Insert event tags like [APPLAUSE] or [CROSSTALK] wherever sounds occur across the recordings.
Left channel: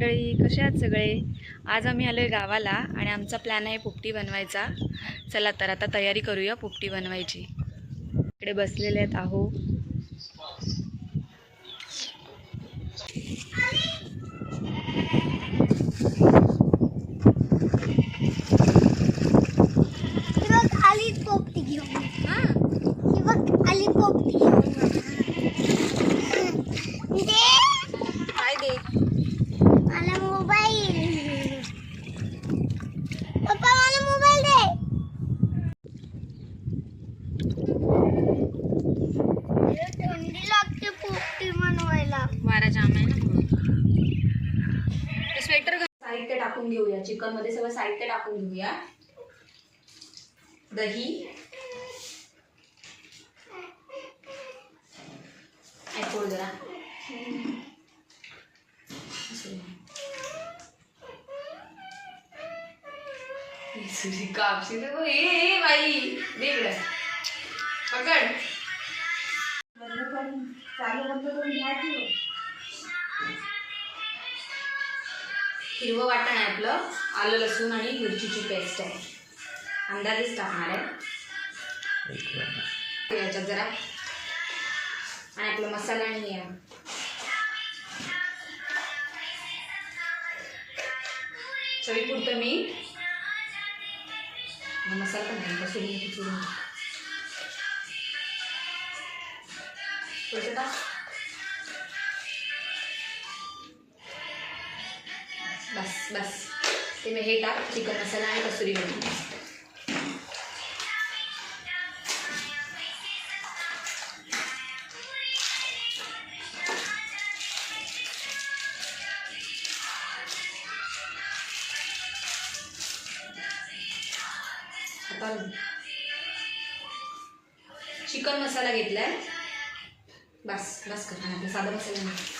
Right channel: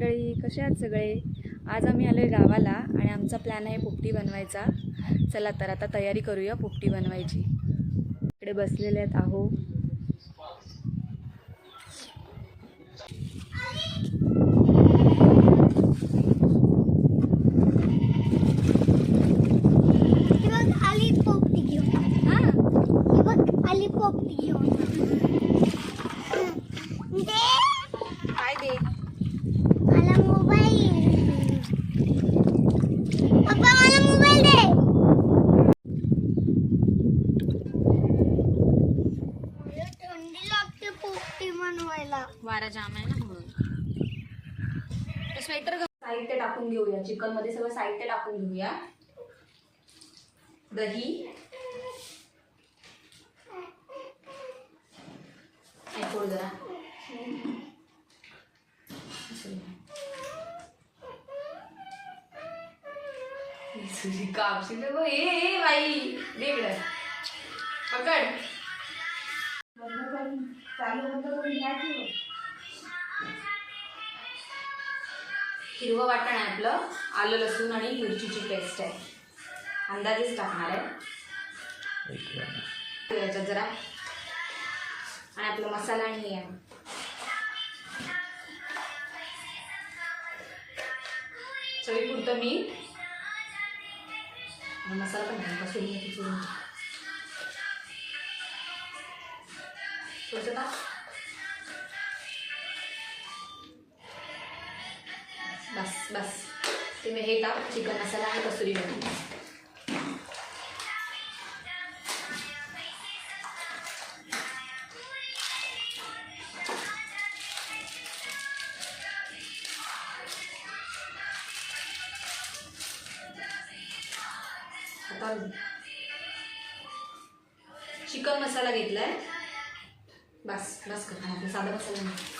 मंडळी कसे आहात सगळे? आज आम्ही आलो आहे गावाला आणि आमचा प्लॅन आहे पोपटी बनवायचा. चला तर आता तयारी करूया पोपटी बनवायची. इकडे बसलेले आहेत आहो हे बघ आली पोपटी घेऊन हे बघ आली पोपटी घेऊन दे काय दे मला मोबाईल पप्पा मला मोबाईल दे लय थंडी लागते पोपटी बनवायला वारा जाम आहे ना स्वेटर साहित्य टाकून मध्ये सगळं साहित्य टाकून घेऊया. दही. ऐकूळ जरा. कापशी तर गं. ए बाई वेगळं पकड. हिरवं वाटण आहे आपलं. आलं लसूण आणि मिरचीची पेस्ट आहे. अंदाजेच टाकणार आहे. याच्यात जरा. आणि आपला मसाला आणि हे आहे. चवीपुरतं मीठ. मसाला पण नाही कसुरी मेथी चुरून थोडंसं टाक बस. ते मी हे टाक चिकन मसाला आणि कसुरी मेथी. आता चिकन मसाला घेतलाय. बस बस कर. आणि आपला साधा मसाला नाही.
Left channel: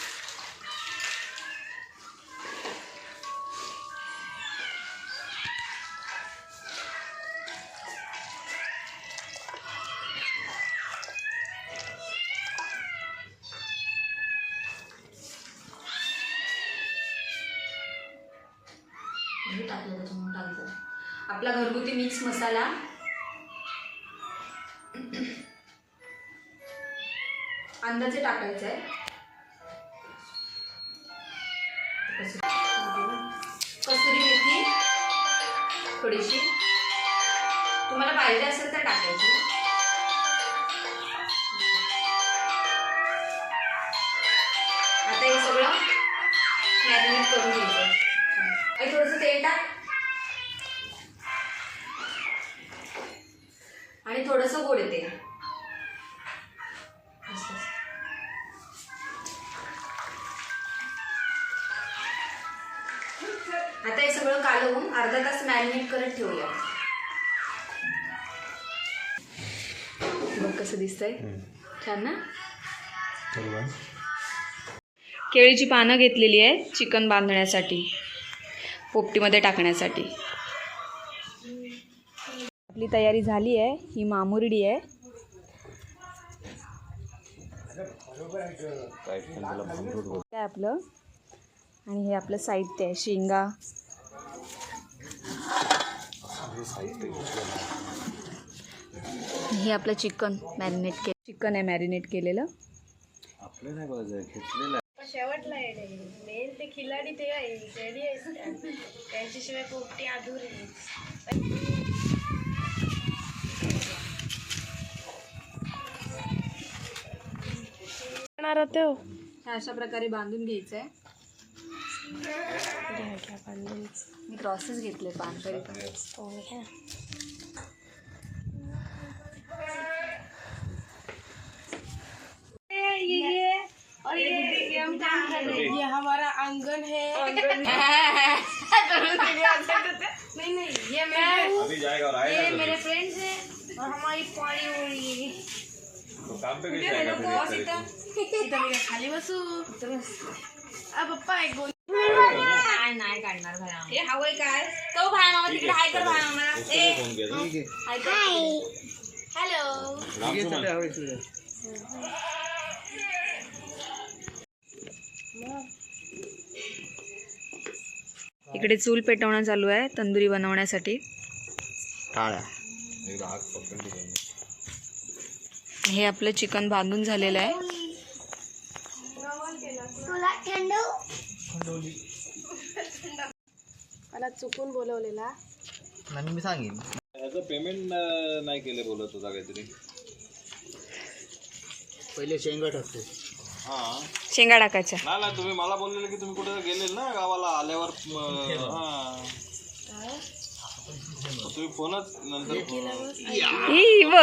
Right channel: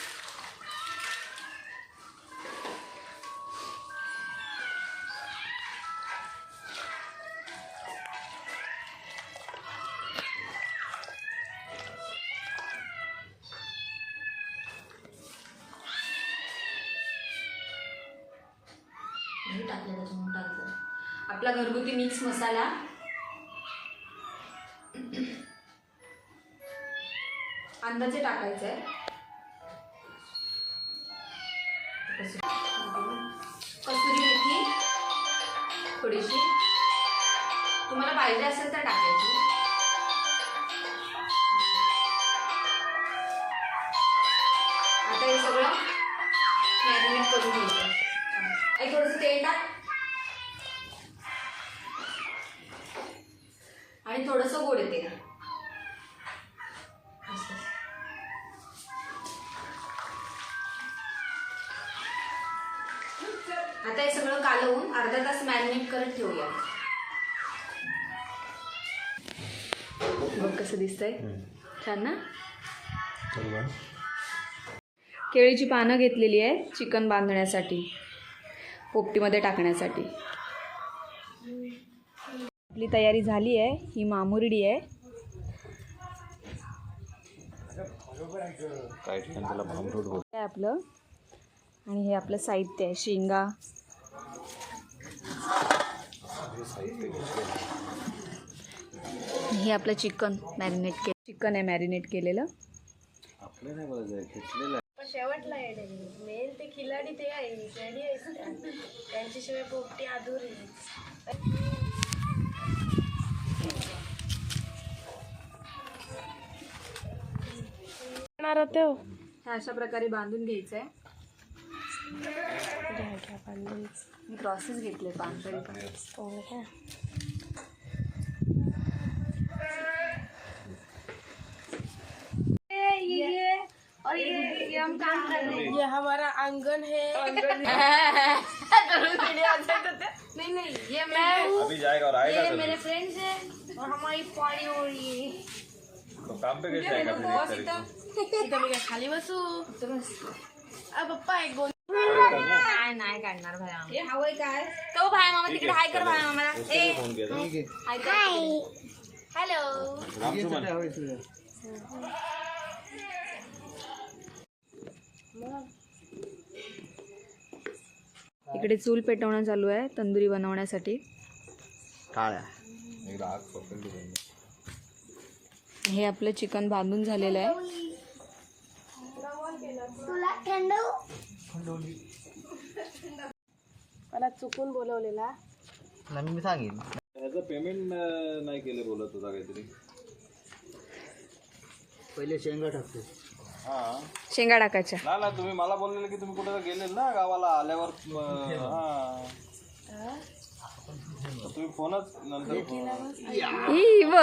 हे टाकलं त्याच्यामुळे टाकलं. आपला घरगुती मिक्स मसाला. अंदाजे टाकायचं आहे. कसुरी मेथी थोडीशी. तुम्हाला पाहिजे असेल तर टाकायची. आता हे सगळं मॅरिनेट करून घ्यायचं आणि थोडंसं तेल टाक. आणि थोडंसं गोड येते आता हे सगळं कालवून अर्धा तास मॅरिनेट करत ठेवूया. बघ कसं दिसतंय. छान ना? केळीची पानं घेतलेली आहे चिकन बांधण्यासाठी. पोपटीमध्ये टाकण्यासाठी. आपली तयारी झाली आहे ही मामुरडी आहे. काय आपलं? आणि हे आपलं साहित्य आहे शेंगा. हे आपलं चिकन मॅरिनेट के चिकन आहे मॅरिनेट केलेलं. शेवटला येडे मेन ते खिलाडी ते आहे रेडी आहे त्यांच्याशिवाय पोपटी अधुरी हो हे अशा प्रकारे बांधून घ्यायचं आहे घ्या घ्या बांधून. मी क्रॉसेस घेतले पान तरी पण. हो घ्या. ये हमारा आंगन है। [LAUGHS] [LAUGHS] नहीं नहीं ये मैं हूँ। अभी जाएगा और आएगा ये तो मेरे फ्रेंड्स हैं और हमारी पानी हो रही है। तो काम पे कैसे आएगा फिर [LAUGHS] एक तारीख को इथं मी काय खाली बसू। अ पप्पा एक गोल नाही नाही काढणार भाया हे हवंय काय तो भाया मामा तिकडे हाय कर भाया मामाला ए फोन किया हाय। कर हॅलो इकडे चूल पेटवणं चालू आहे तंदुरी बनवण्यासाठी. हे आपलं चिकन बांधून झालेलं आहे. त्याला चुकून बोलवलेला. ह्याचं पेमेंट नाही केले बोलत होता काहीतरी. पहिले शेंगा टाकतो. शेंगा टाकायच्या. नाही नाही तुम्ही मला बोललेलं की तुम्ही कुठे गेले ना गावाला आल्यावर म, हा. तुम्ही फोनच नंतर ई व.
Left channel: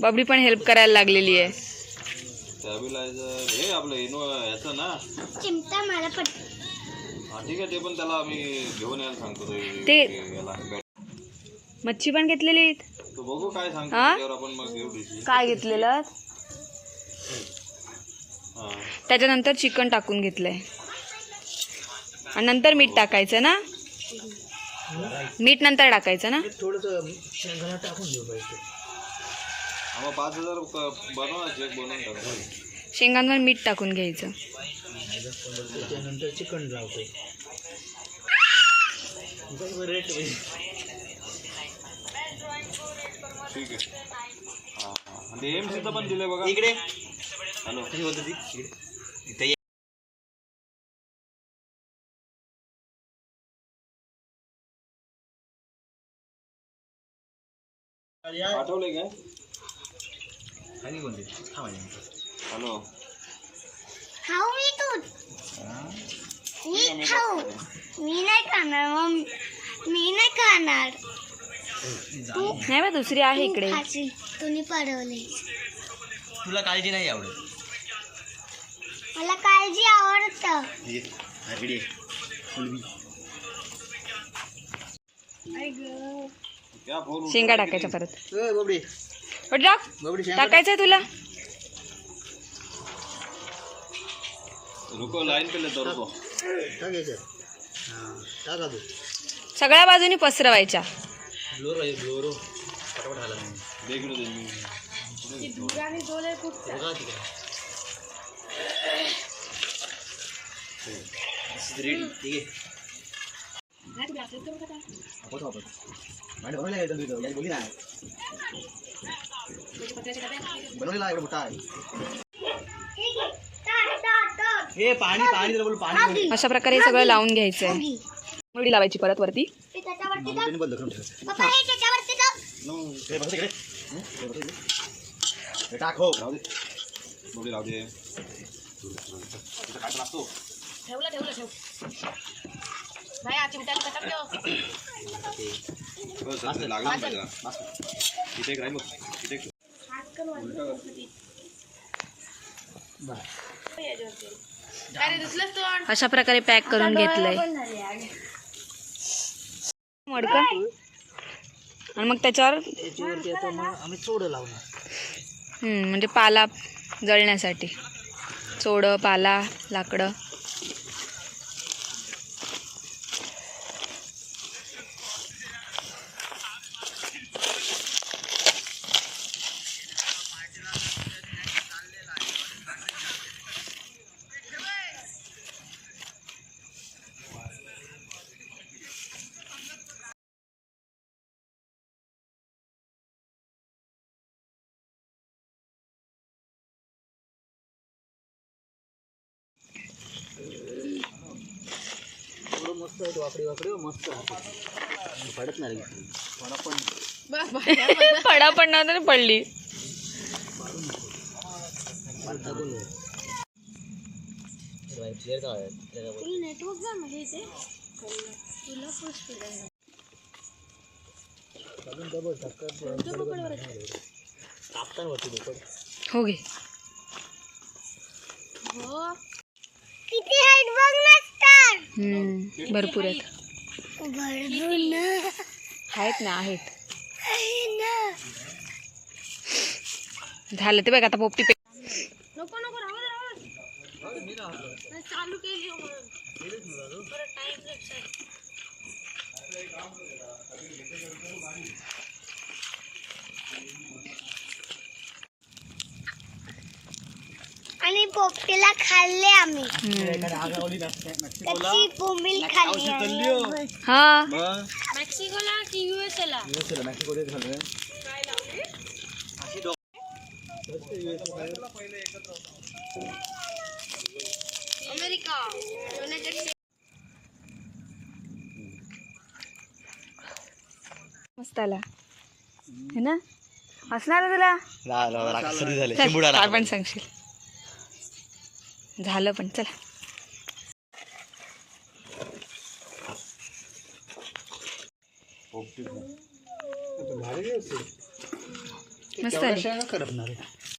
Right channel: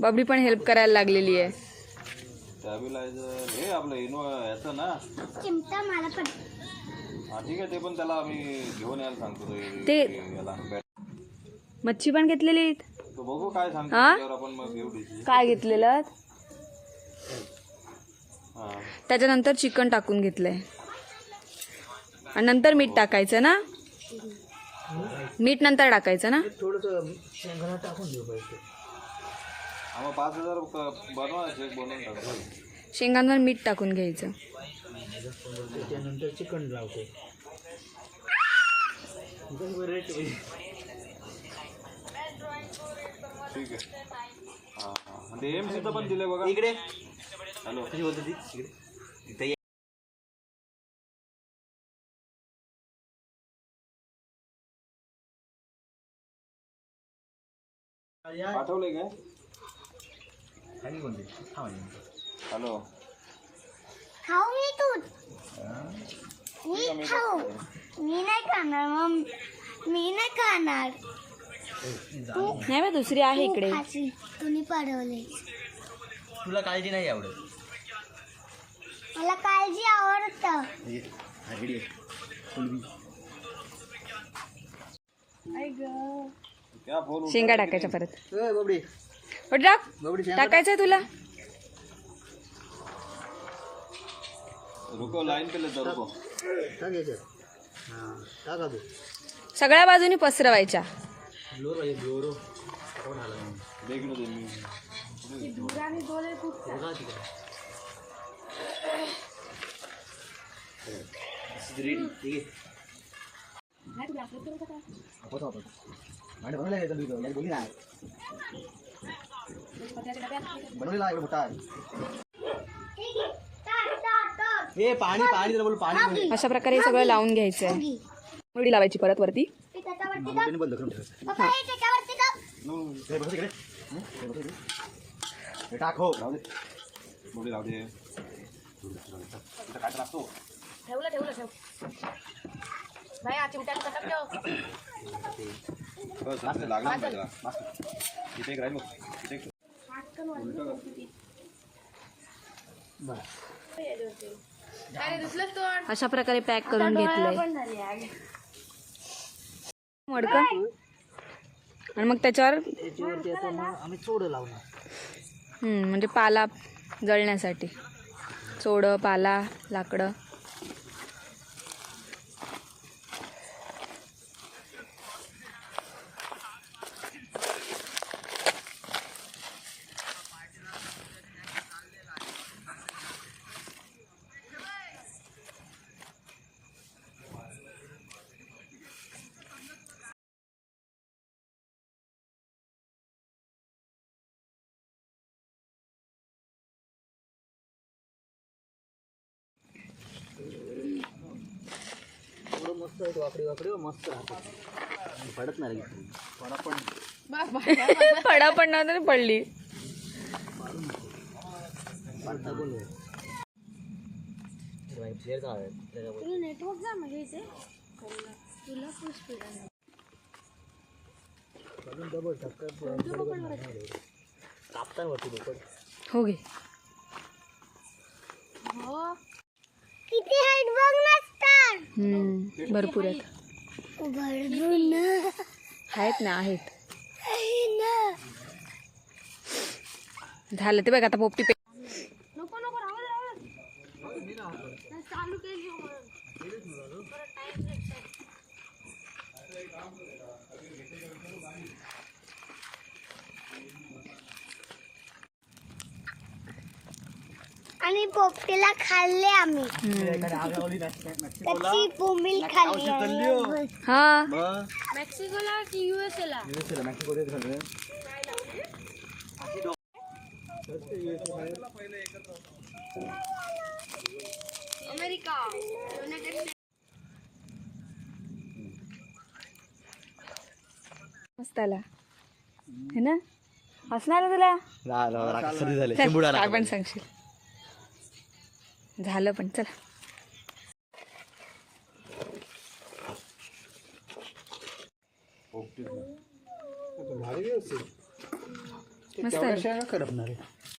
बबडी पण हेल्प करायला लागलेली आहे. स्टॅबिलायझर हे आपलं इनो ह्याचं ना. चिमटा मला पण. हा ठीक आहे ते पण त्याला आम्ही घेऊन यायला सांगतो ते- ते- ते याला. बॅट- मच्छी पण घेतलेली आहेत. तो बघू काय सांगतो हा? त्याच्यावर आपण मग घेऊ डिशी काय घेतलेलं? हा. त्याच्यानंतर चिकन टाकून घेतलंय. आणि नंतर मीठ टाकायचं ना? मीठ नंतर टाकायचं ना? थोडंसं शेंगाला टाकून देऊ पाहिजे. आम्हाला पाच हजार क- बनवा चेक बनवून टाकू. शेंगांवर मीठ टाकून घ्यायचं. त्याच्यानंतर चिकन लावतोय रेट ठीक आहे. हा हा. आणि एम सुद्धा पण दिले बघा. इकडे. हॅलो. कशी बोलतो ती? इकडे. इथे ये. पाठवलंय काय? खाली कोणती थांब एक मिनिट. हॅलो. खाऊ मी तू. मी खाऊ. मी नाही खाणार मग मी नाही खाणार. नाही बा दुसरी आहे इकडे. खाशील. तुम्ही पडवले. तुला काळजी नाही आवडत. मला काळजी आवडतं. क्या फोन शेंगा टाकायच्या परत. बाबडी. बरं टाक बाबडी शेंगा टाकायचंय तुला. रुको लाईन पे लेतो रुको. टाक याच्यात. हां टाका तू. सगळ्या बाजूनी पसरवायच्या. ब्लोरो आहे ब्लोरो नाही ठीक आहे. आहे बोली बनवलेला आहे एवढा मोठा. आहे हे पाणी पाणी बोल पाणी. अशा प्रकारे हे सगळं लावून घ्यायचंय. मुडी लावायची परत वरती. त्याने बंद करून ठेवायचं पप्पा हे त्याच्यावरती जाऊ? नो, हे बघ तिकडे. हं? हे बघ तिकडे. हे टाक हो राहू दे बोली राहू दे. इथं काय लागतो ठेवलं ठेवलं ठेव. भाई हा चिमट्याला कटात ठेव. बस असं लागलं ना त्याला. इथे एक राहील. बघ. इथे एक. काय रे दुसलंच तो अशा प्रकारे पॅक करून घेतलंय. मडकं. आणि मग त्याच्यावर? त्याच्यावरती आता मग आम्ही चोडं लावणार. म्हणजे पाला जळण्यासाठी. चोडं पाला लाकडं. मस्त आहे वाकडी वाकडी मस्त राहतो आणि पडत नाही लगेच. पडा पण पडा पडणार तर पडली पालथा बोल क्लिअर का आहे clear का बोल. नेटवर्क जा म्हणजे इथे तुला फुल स्पीड आहे अजून डबल टक्कर कापताना वरती डोकं हो घे किती हाईट बघ नसतात हम्म, भरपूर आहेत ना आहेत ना आहेत ना झालं ते बघ आता पोपटी पे नको नको राहू दे, राहू दे. चालू केली हो म्हणून. बरं, time आणि पोपटीला खाल्ले आम्ही. एखाद्या आगावली मेक्सिकोला? कच्ची बोंबील खाल्ली हो. आहे. हा. मेक्सिकोला की युएसए ला? US ला, मेक्सिको देत झालं मस्त आला है ना? हसणार तुला? काय पण सांगशील. झालं पण चला. मस्त आली.